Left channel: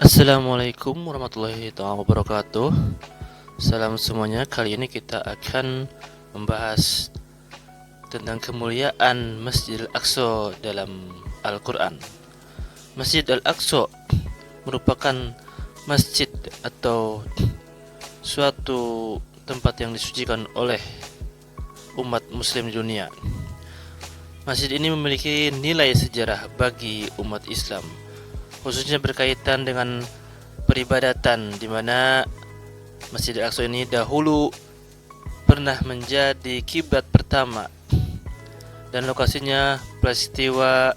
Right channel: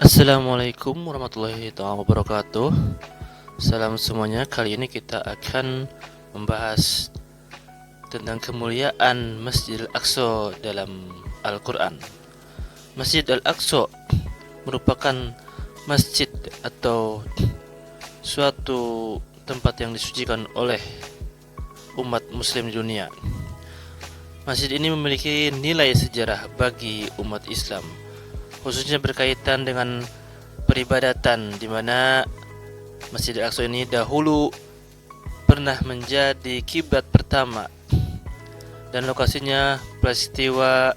Assalamualaikum warahmatullahi wabarakatuh. Salam semuanya. Kali ini kita akan membahas tentang kemuliaan Masjid Al-Aqsa dalam Al-Quran. Masjid Al-Aqsa merupakan masjid atau suatu tempat yang disucikan oleh umat muslim di dunia. Masjid ini memiliki nilai sejarah bagi umat Islam, khususnya berkaitan dengan peribadatan, di mana Masjid Al-Aqsa ini dahulu pernah menjadi kiblat pertama dan lokasinya peristiwa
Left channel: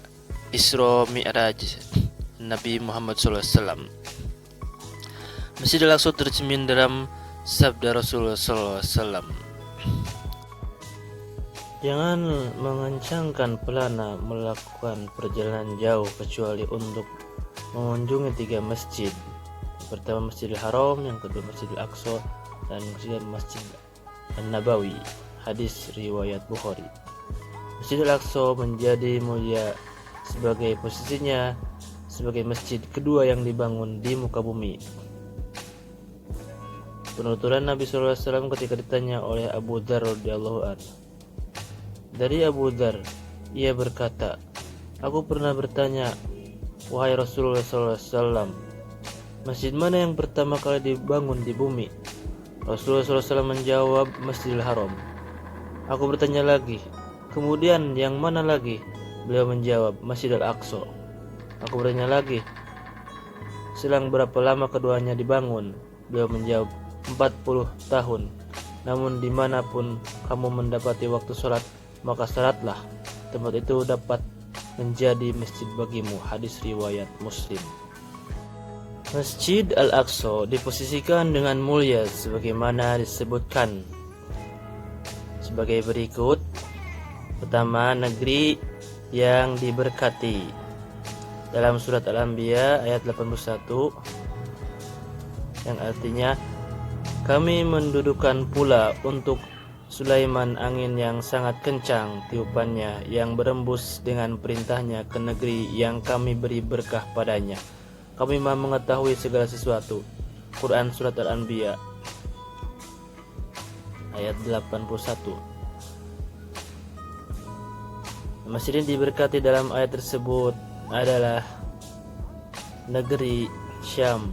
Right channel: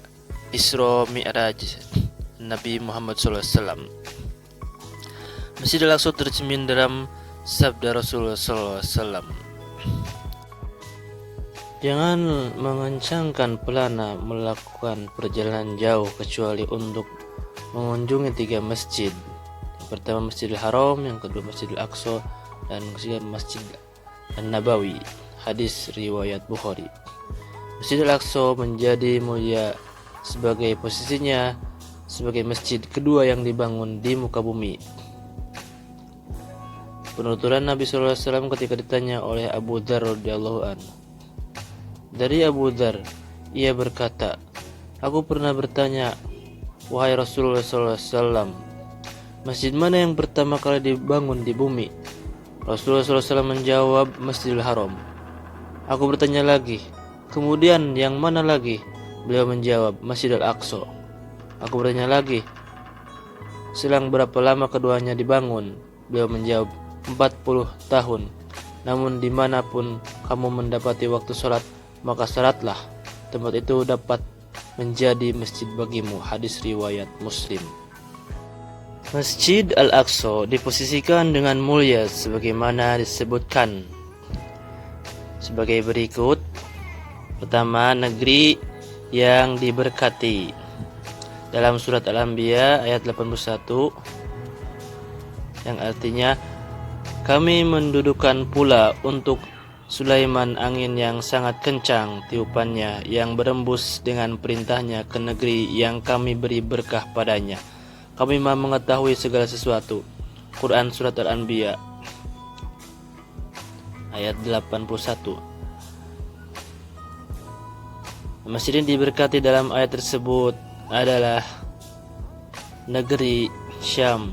Isra Mi'raj Nabi Muhammad SAW. Masjid Al-Aqsa tercermin dalam sabda Rasulullah SAW, "Jangan mengencangkan pelana melakukan perjalanan jauh kecuali untuk mengunjungi 3 masjid. Yang pertama Masjidil Haram, yang kedua Masjidil Aqsa, dan ketiga Masjid An-Nabawi." Hadis riwayat Bukhari. Masjidil Aqsa menjadi mulia sebagai posisinya sebagai masjid kedua yang dibangun di muka bumi. Penuturan Nabi SAW ketika ditanya oleh Abu Dzar radhiyallahu anhu. Dari Abu Dzar, ia berkata, "Aku pernah bertanya, wahai Rasulullah SAW, masjid mana yang pertama kali dibangun di bumi?" Rasulullah SAW menjawab, "Masjidil Haram." Aku bertanya lagi, "Kemudian yang mana lagi?" Beliau menjawab, "Masjidil Aqsa." Aku bertanya lagi, "Selang berapa lama keduanya dibangun?" Beliau menjawab, 40 tahun. Namun dimanapun kamu mendapati waktu sholat, maka sholatlah. Tempat itu dapat menjadi masjid bagimu. Hadis riwayat Muslim. Masjid Al-Aqsa diposisikan dengan mulia sebagaimana disebutkan sebagai berikut. Pertama, negeri yang diberkati. Dalam surat Al-Anbiya ayat 81, yang artinya, "Kami mendudukan pula untuk Sulaiman angin yang sangat kencang tiupannya, yang berembus dengan perintahnya ke negeri yang kami beri berkah padanya. Kami Maha mengetahui segala sesuatu." Quran Surat Al-Anbiya ayat 81. Masjid ini diberkati dalam ayat tersebut adalah negeri Syam,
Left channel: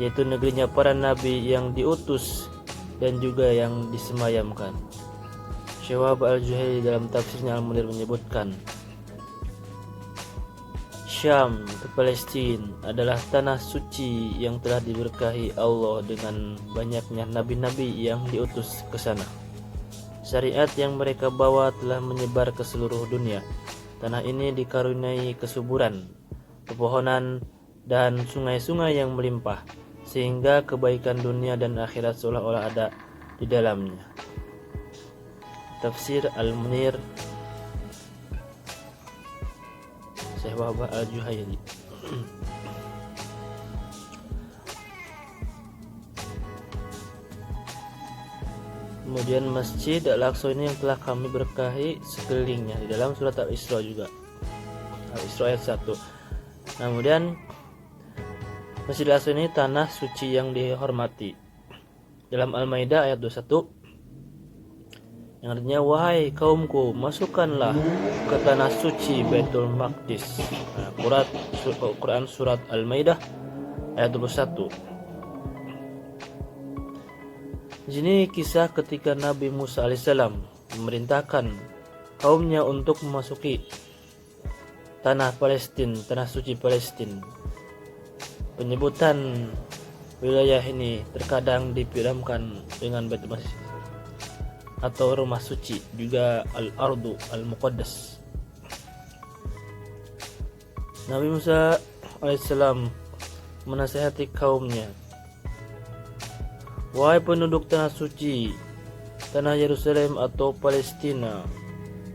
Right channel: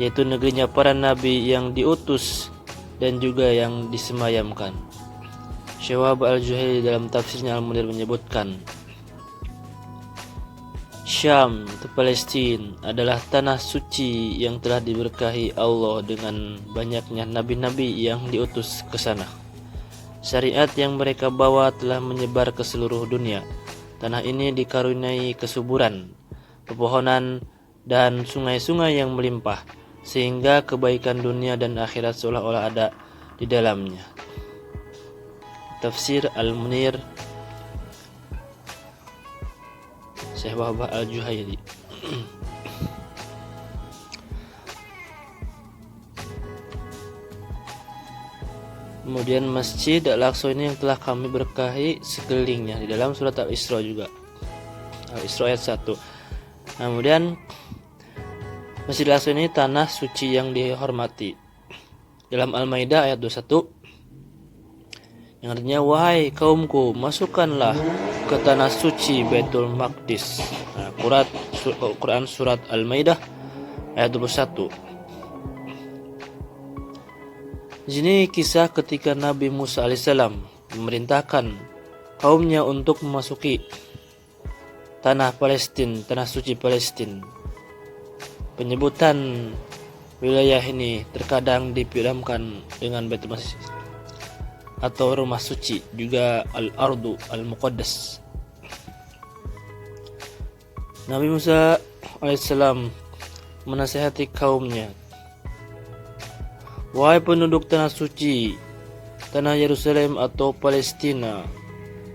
yaitu negerinya para nabi yang diutus dan juga yang disemayamkan. Syawab Al-Juhayli dalam tafsirnya Al-Munir menyebutkan, Syam itu Palestina adalah tanah suci yang telah diberkahi Allah dengan banyaknya nabi-nabi yang diutus ke sana. Syariat yang mereka bawa telah menyebar ke seluruh dunia. Tanah ini dikaruniai kesuburan, pepohonan, dan sungai-sungai yang melimpah, sehingga kebaikan dunia dan akhirat seolah-olah ada di dalamnya. Tafsir Al-Munir Syekh Wahbah Al-Juhayli. Kemudian Masjid Al-Aqsa ini yang telah kami berkahi sekelilingnya, di dalam surat Al-Isra juga. Al-Isra ayat 1. Kemudian Masjid Al-Aqsa ini tanah suci yang dihormati. Dalam Al-Maidah ayat 21, yang artinya, "Wahai kaumku, masukkanlah ke tanah suci Baitul Maqdis." Quran Surat Al-Maidah ayat 21. Di sini kisah ketika Nabi Musa alaihissalam memerintahkan kaumnya untuk memasuki tanah Palestina, tanah suci Palestina. Penyebutan wilayah ini terkadang dipiramkan dengan Baitul Maqdis atau rumah suci, juga Al-Ardu Al-Muqaddas. Nabi Musa alaihissalam menasihati kaumnya, "Wahai penduduk tanah suci, tanah Yerusalem atau Palestina,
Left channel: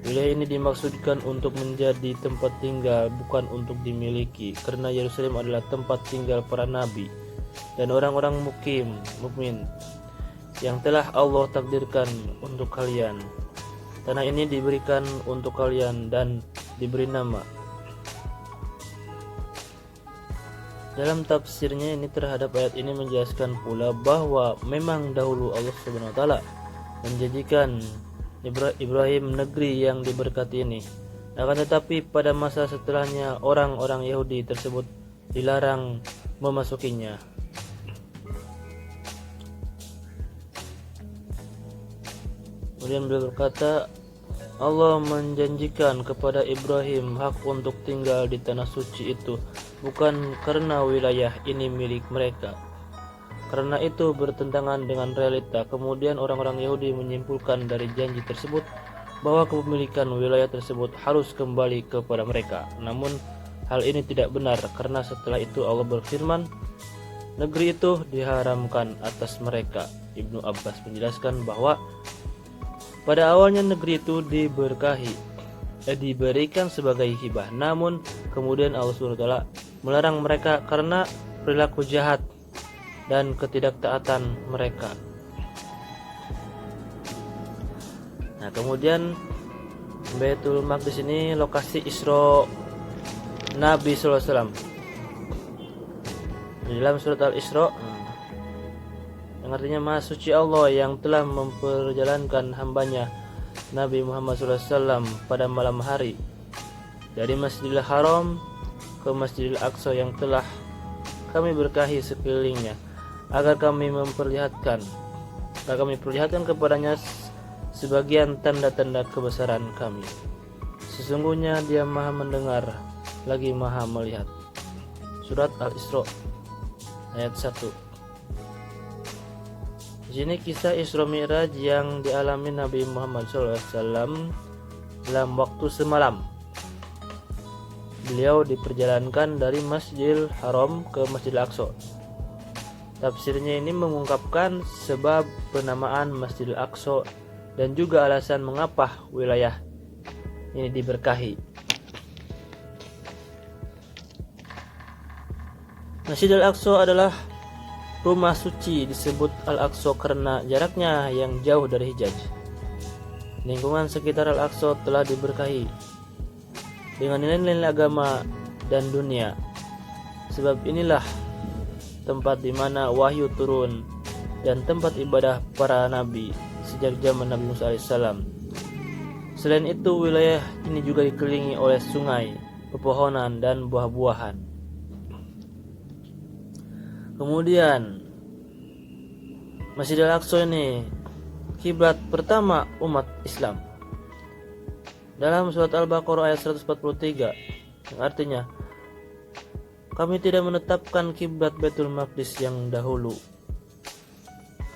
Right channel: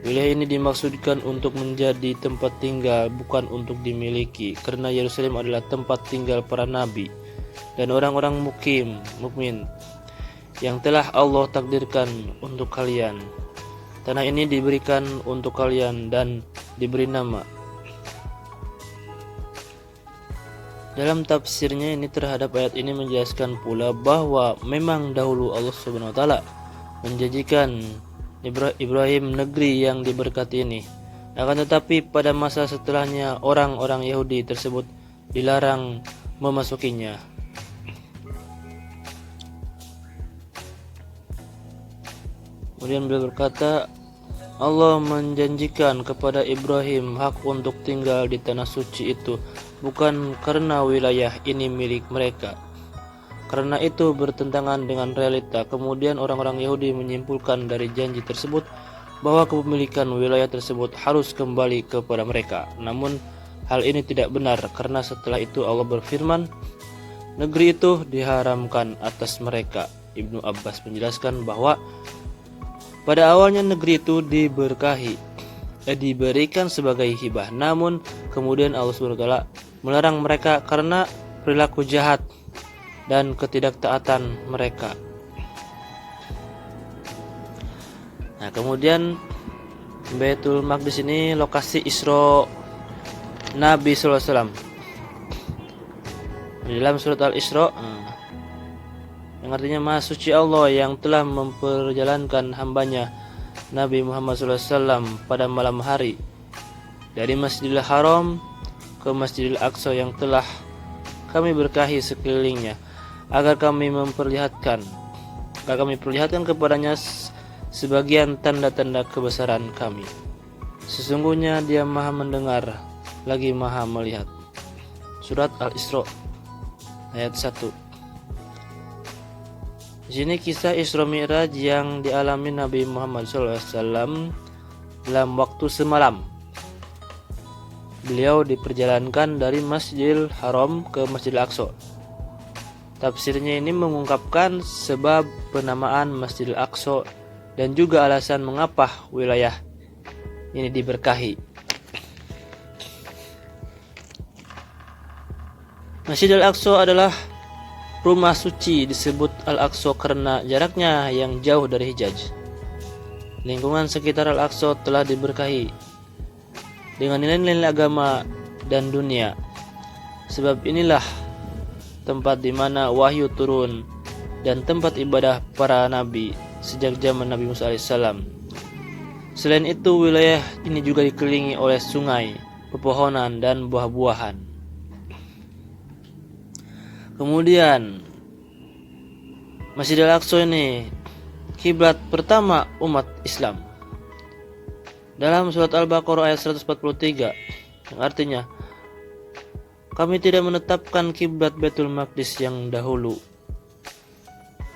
wilayah ini dimaksudkan untuk menjadi tempat tinggal, bukan untuk dimiliki, karena Yerusalem adalah tempat tinggal para nabi dan orang-orang mukmin yang telah Allah takdirkan untuk kalian. Tanah ini diberikan untuk kalian dan diberi nama Dalam tafsirnya ini terhadap ayat ini menjelaskan pula bahwa memang dahulu Allah Subhanahu wa taala menjanjikan Ibrahim negeri yang diberkati ini. Akan tetapi pada masa setelahnya orang-orang Yahudi tersebut dilarang memasukinya. Kemudian beliau berkata, Allah menjanjikan kepada Ibrahim hak untuk tinggal di tanah suci itu bukan karena wilayah ini milik mereka. Karena itu bertentangan dengan realita. Kemudian orang-orang Yahudi menyimpulkan dari janji tersebut bahwa kepemilikan wilayah tersebut harus kembali kepada mereka. Namun hal ini tidak benar karena setelah itu Allah berfirman, negeri itu diharamkan atas mereka. Ibnu Abbas menjelaskan bahwa pada awalnya negeri itu diberikan sebagai hibah. Namun kemudian Allah SWT melarang mereka karena perilaku jahat dan ketidaktaatan mereka. Nah, kemudian Baitul Maqdis ini lokasi Isra Nabi SAW. Di dalam surat Al-Isra yang artinya Maha Suci Allah yang telah memperjalankan hambanya Nabi Muhammad SAW pada malam hari dari Masjidil Haram ke Masjidil Aqsa yang telah kami berkahi sekelilingnya agar kami perlihatkan kepadanya sebagian tanda-tanda kebesaran kami. Sesungguhnya Dia Maha mendengar lagi Maha melihat. Surat Al-Isra ayat 1. Di sini kisah Isra Mi'raj yang dialami Nabi Muhammad SAW dalam waktu semalam. Beliau diperjalankan dari Masjidil Haram ke Masjidil Aqsa. Tafsirnya ini mengungkapkan sebab penamaan Masjidil Aqsa dan juga alasan mengapa wilayah ini diberkahi. Masjidil Aqsa adalah rumah suci, disebut Al-Aqsa karena jaraknya yang jauh dari Hijaz. Lingkungan sekitar Al-Aqsa telah diberkahi dengan nilai-nilai agama dan dunia. Sebab inilah tempat di mana wahyu turun dan tempat ibadah para nabi sejak zaman Nabi Musa AS. Selain itu, wilayah ini juga dikelilingi oleh sungai, pepohonan, dan buah-buahan. Kemudian Masjidil Aqsa ini kiblat pertama umat Islam. Dalam surat Al-Baqarah ayat 143 yang artinya, kami tidak menetapkan kiblat Baitul Maqdis yang dahulu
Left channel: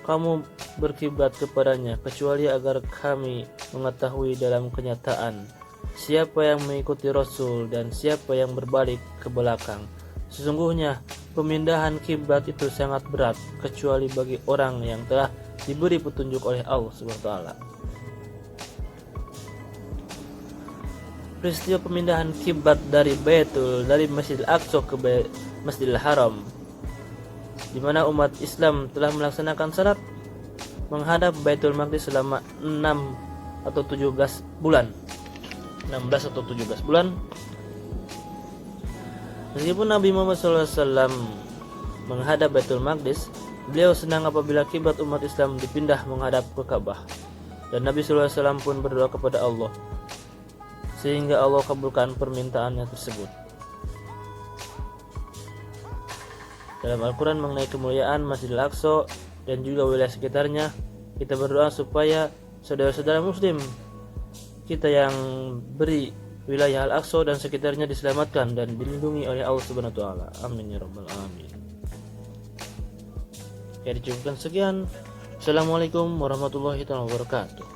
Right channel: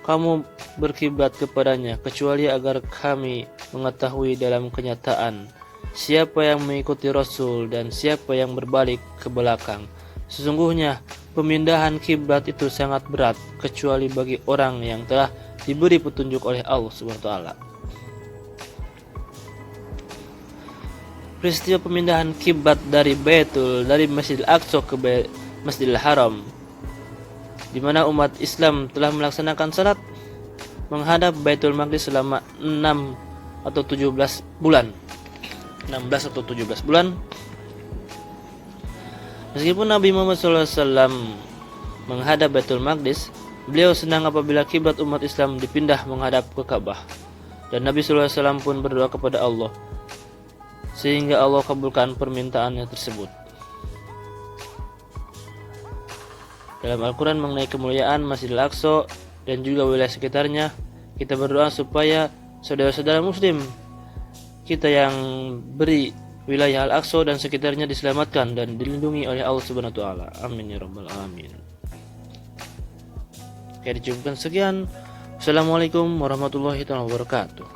kamu berkiblat kepadanya kecuali agar kami mengetahui dalam kenyataan siapa yang mengikuti Rasul dan siapa yang berbalik ke belakang. Sesungguhnya pemindahan kiblat itu sangat berat kecuali bagi orang yang telah diberi petunjuk oleh Allah SWT. Peristiwa pemindahan kiblat dari Masjidil Aqsa ke Masjidil Haram, di mana umat Islam telah melaksanakan salat menghadap Baitul Maqdis selama 16 atau 17 bulan. Meskipun Nabi Muhammad SAW menghadap Baitul Maqdis, beliau senang apabila kiblat umat Islam dipindah menghadap ke Ka'bah. Dan Nabi SAW pun berdoa kepada Allah sehingga Allah kabulkan permintaannya tersebut. Dalam Al-Quran mengenai kemuliaan Masjidil Aqsa dan juga wilayah sekitarnya, kita berdoa supaya saudara-saudara muslim kita yang beri wilayah Al-Aqsa dan sekitarnya diselamatkan dan dilindungi oleh Allah Subhanahu wa taala. Amin ya rabbal alamin. Oke, dicukupkan sekian. Assalamualaikum warahmatullahi wabarakatuh.